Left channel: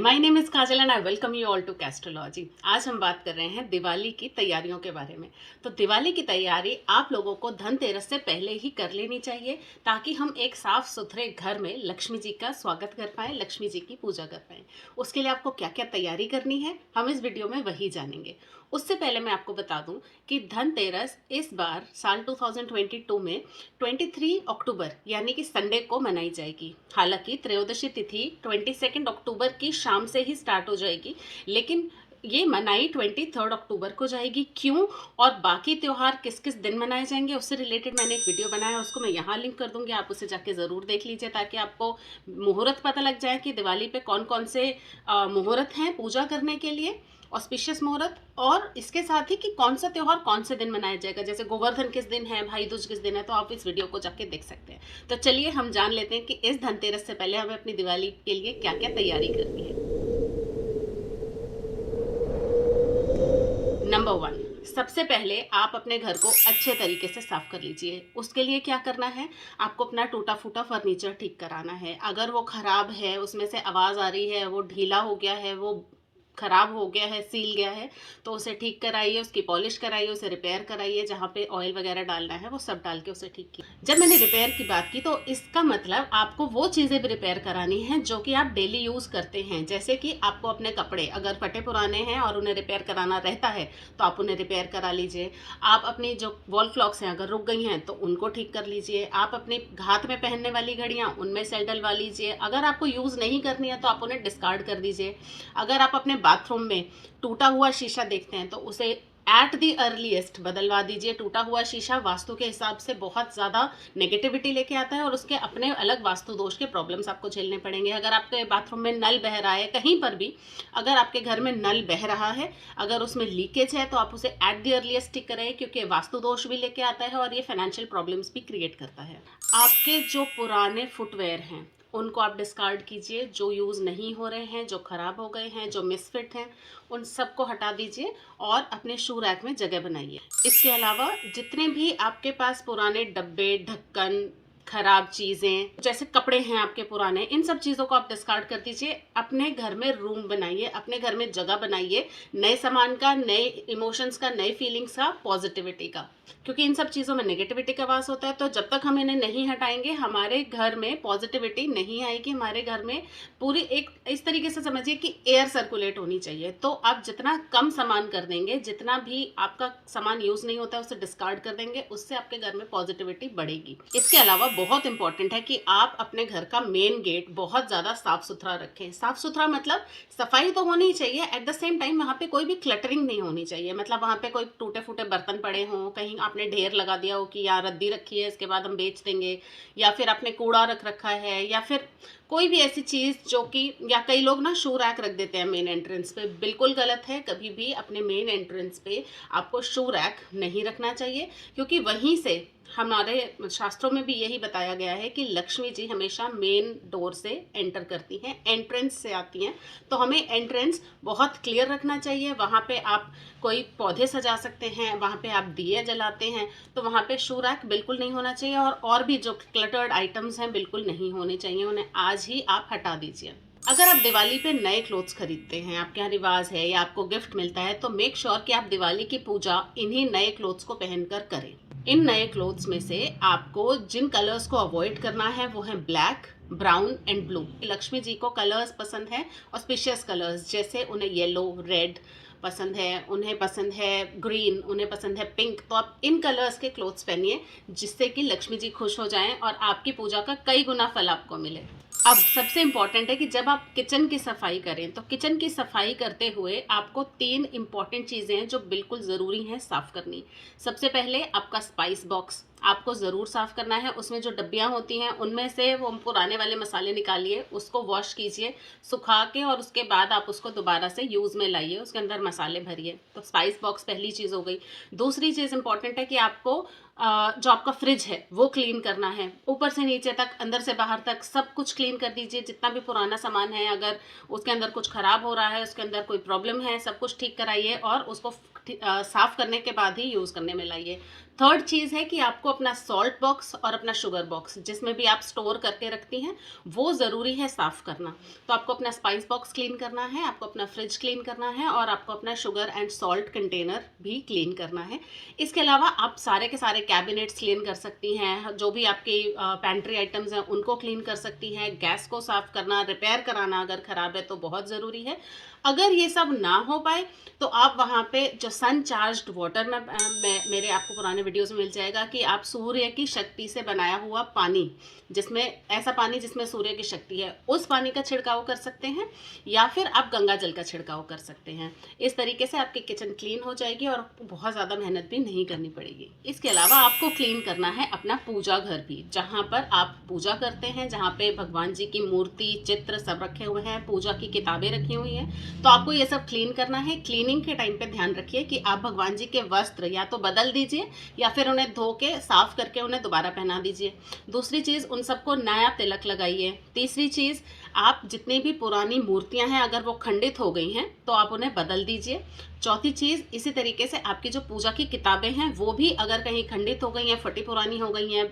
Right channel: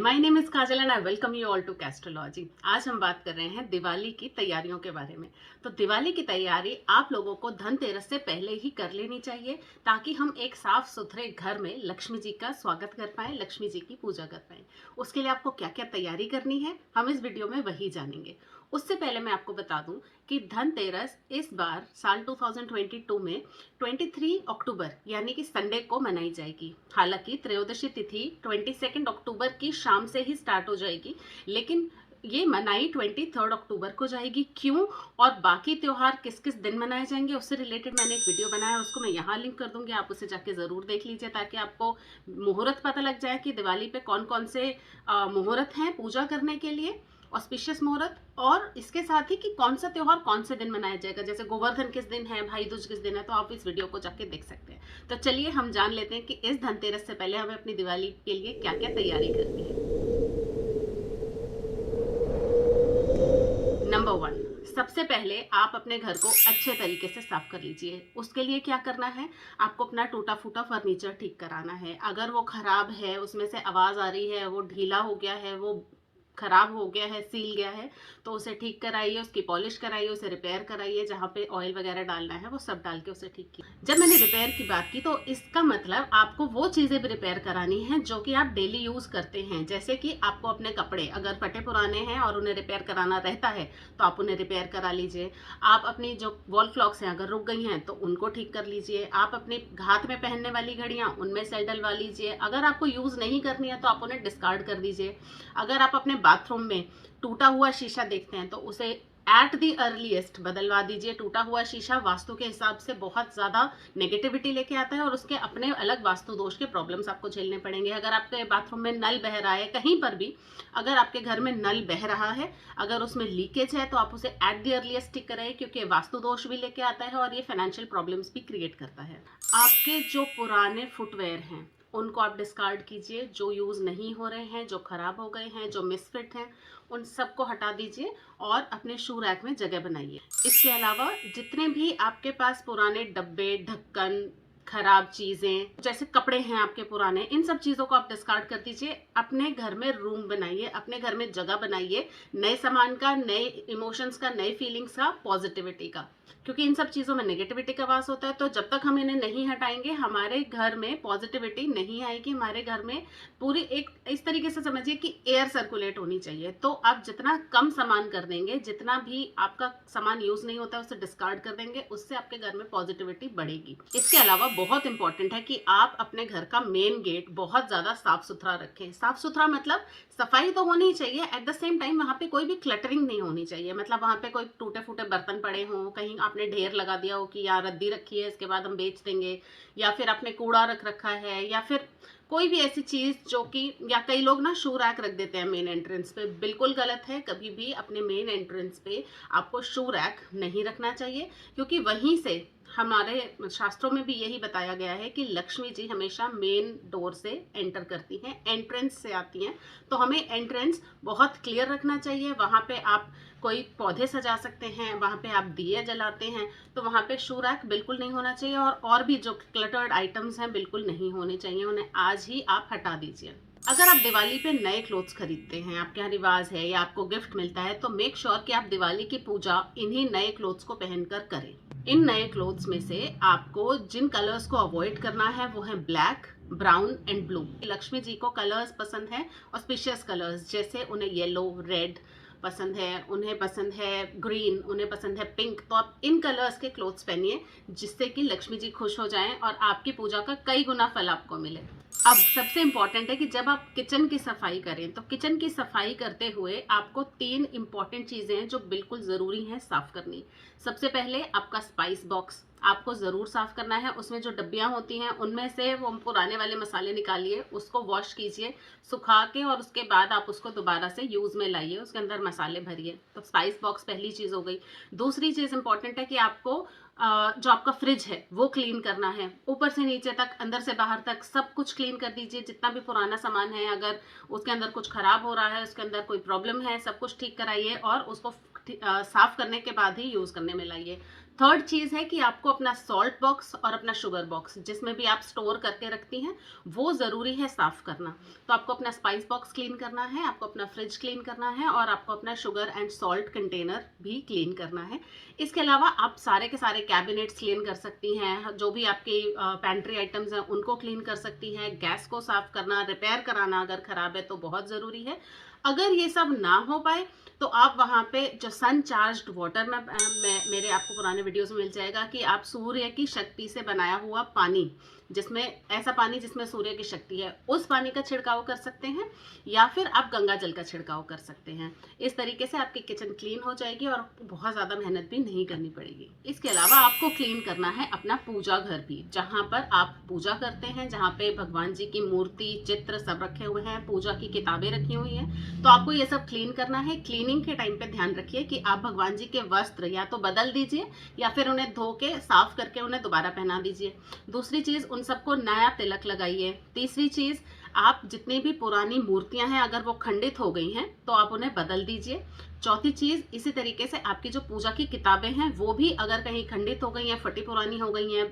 My name is Kajal and I welcome you all to Castrology. आज हम बात कर रहे हैं दिवाली की तैयारियों के बारे में। तो दिवाली की तैयारी आप लोगों को धनतेरस से पहले ही कर लेनी चाहिए ताकि हम एक साफ सुथरे घर में लक्ष्मी जी का स्वागत कर पाएं, लक्ष्मी जी की पूजा कर पाएं। उसके लिए आपको क्या क्या तैयारी करनी है हम इस वीडियो में वही जानेंगे। उससे पहले मैं आपको बता दूं कि धनतेरस इस बार साल 2022 में 23 अक्टूबर यानी कि संडे को मनाई जाएगी। हालांकि त्रयोदशी तिथि 22 अक्टूबर की शाम से ही स्टार्ट हो जाएगी, लेकिन ये मनाई 23 अक्टूबर को जाएगी। क्यों और बाकी त्योहार किस किस दिन मनाए जाएंगे उससे रिलेटेड मैंने एक वीडियो बनाया है, उसको मैं यहाँ लिंक कर दूंगी, आप उसे जाके ज़रूर देख लीजिए ताकि आपको मुहूर्त पता लग जाए कि दिवाली पे कौन कौन से मुहूर्त हैं पूजा करने के लिए, ऑस्पिशियस मुहूर्त, और इसके साथ ही कि कौन सा त्यौहार कौन से दिन मनाया जाएगा। जैसे गोवर्धन किस दिन है, भाई दूज किस दिन है, तो आप इस वीडियो को जाके देख सकते हैं। तो चलिए हम जान लेते हैं कि इस धनतेरस से पहले हमें अपनी दिवाली के लिए क्या क्या तैयारी करनी है। नंबर 1, सबसे पहले आप अपने घर को अच्छे तरीके से साफ कर लीजिए। उसके लिए क्या करना है, आपको अपना टूटा फूटा फर्नीचर ठीक कराना है। अगर वो खराब है, उसमें से आवाज़ आ रही है, वो ढीला हो गया है, वो खराब हो गया है, सील गया है, तो उसे ठीक कराइए, उसकी पॉलिश कराइए, उसे रिपेयर कराइए, जहाँ पे ऑयल वगैरह डालना है वो सब डाल के उसे ठीक कीजिए। जब मैंने रिपेयर की बात की तो इसका मतलब आपको वो चीज़ें भी रिपेयर करानी है जो कि आप डेली यूज़ करते हैं। जैसे कि आपको अपने कपड़े अगर फटे पुराने हैं और उन्हें रिपेयर कराना रहता है तो आप उन्हें रिपेयर करा लीजिए। आप अपनी जो वॉल क्लॉक्स हैं अगर रुक गई हैं तो उनको ठीक कर लीजिए। आप अपने हाथ में पहनने वाली घड़ियाँ उनमें सेल डलवा लीजिए। अगर आपको यूज़ नहीं करनी है तो आप उन्हें डिस्कार्ड कर दीजिए। अगर आप अपने बाथरूम में टूटा हुआ शीशा देखते हैं तो उसे एट दी अर्लीस्ट बदलवा दीजिए। टूटा हुआ शीशा वास्तु के हिसाब से बहुत ज़्यादा नेगेटिविटी लेके आता है और उसके अपने अलग वास्तु दोष के प्रॉब्लम्स आपको झेलने पड़ेंगे। अगर आपके बाथरूम में नल बह रहा है, कहीं पर भी अगर आपके घर में नल बह रहा है, अगर उसमें लीकेज है तो आप उसे एट दी अर्लीस्ट ठीक करें, क्योंकि वास्तु दोष भी लेके आता है और ये फाइनेंशियल प्रॉब्लम्स भी क्रिएट करता है। आपके जो पुराने फुटवेयर हैं उनको आप डिस्कार्ड कीजिए। जो यूज़ नहीं हो रहे हैं, जो ख़राब हो गए हैं, जो मिसफिट हैं, उन सबको हटा दीजिए और अपने शू रैक में जगह बनाइए। इसके अलावा जितने भी आपके पास पुराने डब्बे, ढक्कन, खराब चीज़ें, जैसे कपड़े हैं आपके पुराने, इन सब चीज़ों को आप डिस्कार्ड कर दीजिए। अपने घर में रूम बनाइए, अपने घर में जगह बनाइए नए सामान का, नए इमोशंस का, नए फीलिंग्स का, पॉजिटिविटी का, क्योंकि इन सब चीज़ों में नेगेटिविटी का वास होता है। तो जब तक हम इन्हें नहीं हटाएंगे हमारे घर में पॉजिटिविटी नहीं आएगी। हमारे घर में पूरी एक इस तरीके से समझिए कि एयर सर्कुलेट होनी चाहिए। तो आप जितना कम सामान कर देंगे, जितना भी आपका सामान यूज़ नहीं होता है उसे डिस्कार्ड कर देंगे, उससे आपके घर में पॉजिटिविटी बढ़ेगी। इसके अलावा बहुत इंपॉर्टेंट है कि आप अपने घर का मेन गेट बहुत ज़्यादा साफ सुथरा रखें। साफ सुथरा मतलब सफाई तो होनी चाहिए, एट द सेम टाइम वहाँ पे कोई भी क्लटरिंग नहीं होनी चाहिए। मतलब वहाँ पे कोई टूटे फूटे बर्तन पड़े हों, कहीं आपने ढेर लगा दिया हो कि यार रद्दी रखी है इसके बाद हम बेच देंगे, या फिर आपने कूड़ा रख रखा है, या फिर कोई भी ऐसी चीज़ जो कि, या कई लोग ना शू रैक रख देते हैं मेन एंट्रेंस पे, बिल्कुल गलत है। कभी भी अपने मेन एंट्रेंस पे आपको शू रैक नहीं रखना चाहिए, क्योंकि वहीं से हमारे शास्त्रों में भी यही बताया गया है कि लक्ष्मी जी हमेशा मेन डोर से एंटर करती हैं, एंट्रेंस से आती हैं। तो हमें एंट्रेंस बहुत क्लियर रखना चाहिए। वहाँ पे आप कोई पौधे सजा सकते हैं, वहाँ पे आप दिए जलाते हैं, तो वहाँ पे शू रैक बिल्कुल नहीं होना चाहिए। और भी जो क्लटर्ड आइटम्स हैं बिल्कुल नहीं होने चाहिए, उन्हें आज ही आप हटा दीजिए। अगर आप दिवाली पे नए क्लोथ्स खरीदते हैं, आपके यहाँ रिवाज है या आपको गिफ्ट मिलता है, तो मेक श्योर कि आप दिवाली की पूजा इन्हीं नए क्लोथ्स को पहनकर करें। इन नए क्लोथ्स में से आपको जिन कलर्स को अवॉइड करना है वो है black, brown and blue. Lakshmi ji को कलर्स पसंद है, ऑस्पिशियस कलर्स, जैसे उन्हें येलो, रेड पसंद है, उन्हें पसंद है ग्रीन, उन्हें पसंद है पिंक। तो आप इन कलर्स के क्लोथ्स पहनिए जिससे कि लक्ष्मी जी खुश हो जाएं और आपकी पूजा का कई गुना फल आपको मिले। अब सबसे इम्पॉर्टेंट है कि जब आप किचन की सफाई करें तो किचन की सफाई करते हुए आपको 3 इम्पॉर्टेंट चीज़ें हैं जो बिल्कुल ज़रूरी हैं साफ़ करनी। सबसे पहले आपका स्पाइस बॉक्स आपको ज़रूर साफ़ करना है। उसमें जो डब्बियाँ होती हैं उनमें से वो पुराने वाले मसाले निकालिए, उसको वॉश कीजिए सुखा के, और उसके बाद आप उसको दोबारा से यूज़ में लाइए, उसके अंदर मसाले भरिए। तो स्पाइस बॉक्स पहली चीज़ हो गई। दूसरी चीज़ इंपॉर्टेंट है कि आपको जो आपका फ्रिज है वो क्लीन करना है, ऊपर से नीचे तक, अंदर से बाहर तक सब कुछ क्लीन कर दीजिए। जितना भी पुराना सामान है, अगर उसके अंदर कुछ ख़राब हो रहा है, उसके अंदर कोई प्रॉब्लम है, सब कुछ ठीक कराइए और उसको साफ़ करने के बाद ही यूज़ करने में लाइए। थर्ड चीज़ है कि आपको अपना सॉल्ट बॉक्स और अपना शुगर बॉक्स जिसमें भी आप स्टोर करके रखती हैं वो ज़रूरी है साफ़ करना। तो आपको अपना स्पाइस बॉक्स क्लीन करना है, आपको अपना फ्रिज क्लीन करना है और आपको अपना शुगर एंड सॉल्ट कंटेनर भी क्लीन करना है। इसके अलावा आप सारे के सारे कैबिनेट्स क्लीन कर सकती हैं, जो भी आपकी पैंट्री आइटम्स हैं उनको क्लीन कर सकती हैं। गैस को साफ़ करना, रिपेयर कराना अगर ख़राब है तो बहुत ज़रूरी है। अगर ये सब ना हो पाए तो आप वहाँ पे जो सन चार्ज्ड वाटर में मेरे आपको पुराने वीडियोस में मिल जाएगा कि आप सूर्य की शक्ति से बनाया हुआ पानी, जिसमें ऐसा पानी जिसमें सूर्य की शक्ति है, उस पानी का छिड़काव कर सकते हैं या फिर आप गंगा जल का छिड़काव कर सकते हैं। इस तरीके से आपकी किचन क्लीन हो जाएगी और बहुत ज़्यादा मेहनत भी नहीं करनी पड़ेगी। इसके अलावा आपको क्लीन करना है अपना पूजा घर भी, जहाँ पर आप पूजा करते हैं, जहाँ पे भगवान जी की मूर्ति, चित्र सब रखे हुए हैं, पूजा की किताबें रखी हुई हैं। तो आपको ये सब क्लीन करना है। क्लीनिंग के टाइम पे ध्यान रखिए कि आप भगवान जी के वस्त्र या तो बदल दीजिए या फिर उन्हें धो के साफ करके उन्हें दोबारा पहना दीजिए। दूसरी चीज़, उन सबको नया तिलक लगाइए। तीसरी चीज़, आप जितनी भी पुरानी मूर्तियां हैं अगर वो खंडित हो गई हैं तो आप उन्हें बदल दीजिए। चौथी चीज़, इसी तरीके से आपकी जो पूजा की किताबें हैं वो भी अगर कहीं खंडित हो गई हैं, फटी पुरानी हो गई हैं,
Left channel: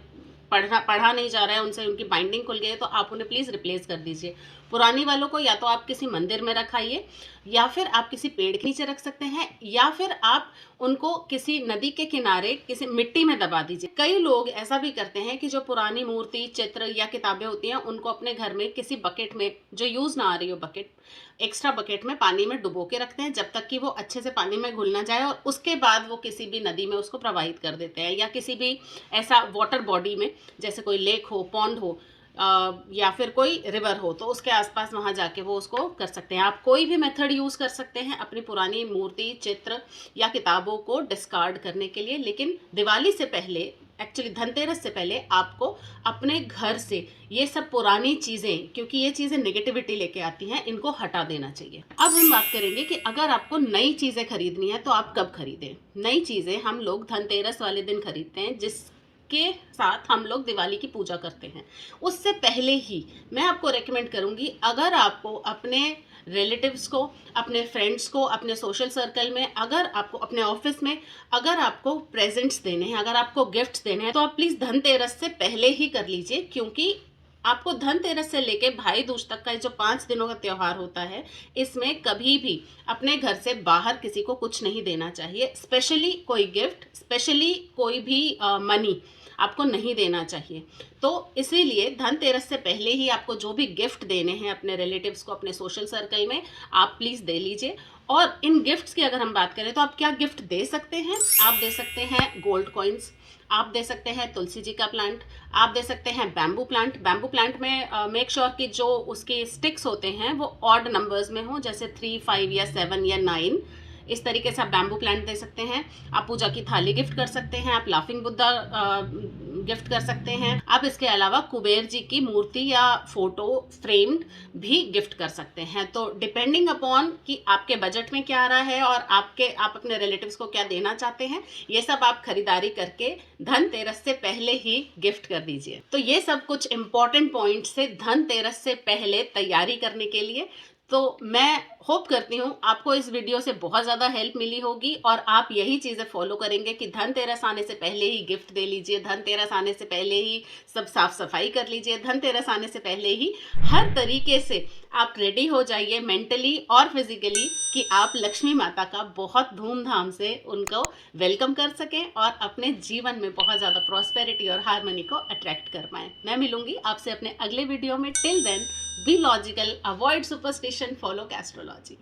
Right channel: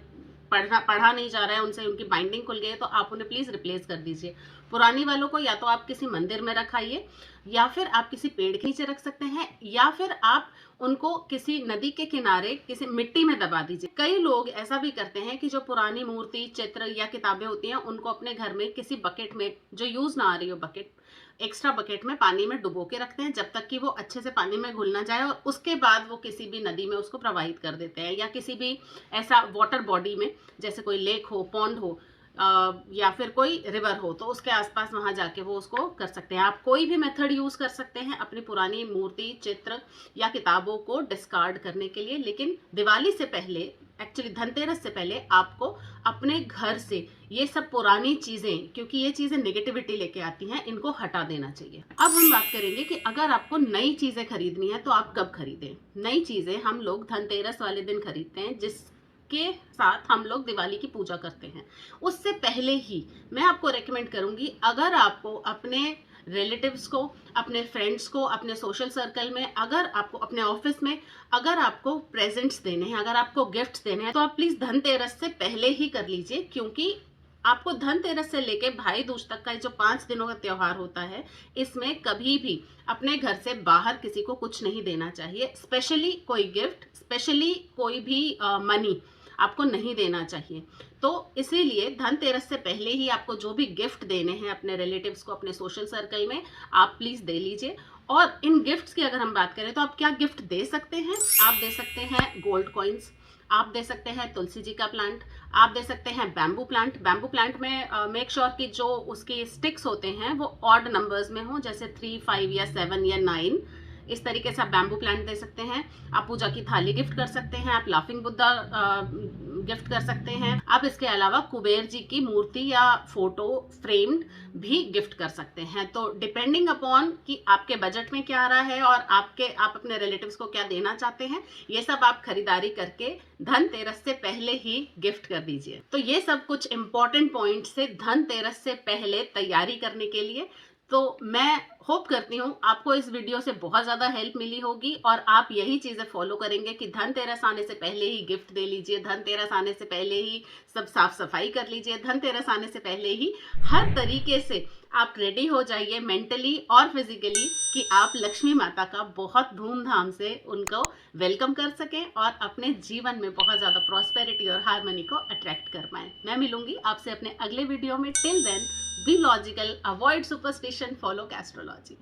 पढ़ा नहीं जा रहा है उनसे, उनकी बाइंडिंग खुल गई है, तो आप उन्हें प्लीज़ रिप्लेस कर दीजिए। पुरानी वालों को या तो आप किसी मंदिर में रखाइए या फिर आप किसी पेड़ के नीचे रख सकते हैं या फिर आप उनको किसी नदी के किनारे किसी मिट्टी में दबा दीजिए। कई लोग ऐसा भी करते हैं कि जो पुरानी मूर्ति, चित्र या किताबें होती हैं उनको अपने घर में किसी बकेट में, जो यूज़ ना आ रही हो बकेट, एक्स्ट्रा बकेट में पानी में डुबो के रखते हैं जब तक कि वो अच्छे से पानी में घुल ना जाए, और उसके बाद वो किसी भी नदी में उसको प्रवाहित कर देते हैं या किसी भी ऐसा वाटर बॉडी में, जैसे कोई लेक हो, पॉन्ड हो या फिर कोई रिवर हो, तो उसके आसपास वहाँ जाके वो उसको कर सकते हैं। आप कोई भी मेथड यूज़ कर सकते हैं अपनी पुरानी मूर्ति, चित्र या किताबों को डिस्कार्ड करने के लिए, लेकिन दिवाली से पहले, एक्चुअली धनतेरस से पहले, आपको अपने घर से ये सब पुरानी चीज़ें, क्योंकि ये चीज़ें नेगेटिविटी लेके आती हैं, इनको हटा देना चाहिए। अब हम बात करेंगे कि अगर आपको नई चीज़ें खरीदनी है तो आप कब खरीदें। नई चीज़ें हम लोग धनतेरस वाले दिन खरीदते हैं, के साथ हम लोग दिवाली की पूजा करते हैं। उससे पहले ही मैं आपको रेकमेंड करूंगी, अगर आपको अपने रिलेटिव्स को, अपने फ्रेंड्स को, अपने सोशल सर्कल में, अगर आपको अपने ऑफिस में, अगर आपको प्रेजेंट्स देने हैं, अगर आपको गिफ्ट्स देने हैं, तो आप प्लीज़ धनतेरस से पहले ही कर लीजिए, क्योंकि आपको धनतेरस से लेके भाई दूज तक का जो 5 दिनों का त्यौहार होता है, इसमें कभी भी अपने घर से बाहर किसी को कुछ नहीं देना चाहिए। स्पेशली कोई गिफ्ट, स्पेशली कोई भी मनी आपको नहीं देना चाहिए। तो इसीलिए धनतेरस से पहले ही आपको जो भी गिफ्ट देने हैं अपने रिलेटिव्स को, अपने सोशल सर्कल में, आप प्लीज़ दे लीजिए। और इन गिफ्ट्स की अगर हम बात करें तो आप क्या गिफ्ट दे सकते हैं? आप दे सकते हैं गोल्ड कॉइन्स, आप दे सकते हैं तुलसी जी का प्लांट, आप दे सकते हैं बैम्बू प्लांट। बैम्बू प्लांट में मेक श्योर कि जो उसके स्टिक्स होते हैं वो ऑड नंबर्स में हो, जैसे 3, 5 या 7 या 9। इस तरीके से आप बैम्बू प्लांट दे सकते हैं। आप पूजा की थाली गिफ्ट कर सकते हैं, आप लाफिंग बुद्धा गिफ्ट कर सकते हैं। आप इसके अलावा कुबेर जी की मूर्ति या फोटो फ्रेम्ड भी गिफ्ट कर सकते हैं। तो डिपेंडिंग अपॉन कि आपके बजट में क्या आ रहा है और आप अपने रिलेटिव्स को क्या देना चाहते हैं, ये सब आप खरीदारी करके धनतेरस से पहले ही गिफ्ट कर दीजिए। तो ये सब कुछ इंपॉर्टेंट पॉइंट्स से धनतेरस से पहले तैयारी करने के लिए। तो मैं होप करती हूँ आपको इस वीडियो से बहुत ज़्यादा हेल्प मिली होगी और आप यही चीज़ें फॉलो करेंगे कि धनतेरस आने से पहले ही गिफ्ट दे लीजिए, धनतेरस आने से पहले ही सब साफ सफाई कर लीजिए, धनतेरस आने से पहले ही हर तरीके से आप रेडी हो जाइए मेंटली और फिजिकली कि आप लक्ष्मी माता का बहुत धूमधाम से उनको वेलकम कर सकें और अपने जीवन में बहुत ज़्यादा प्रॉस्पेरिटी और हार्मनी को अट्रैक्ट कर पाएँ। मैं मिलूंगी आपसे अपने अगले वीडियो में। Till then, be logical, avoid superstition, follow astrology.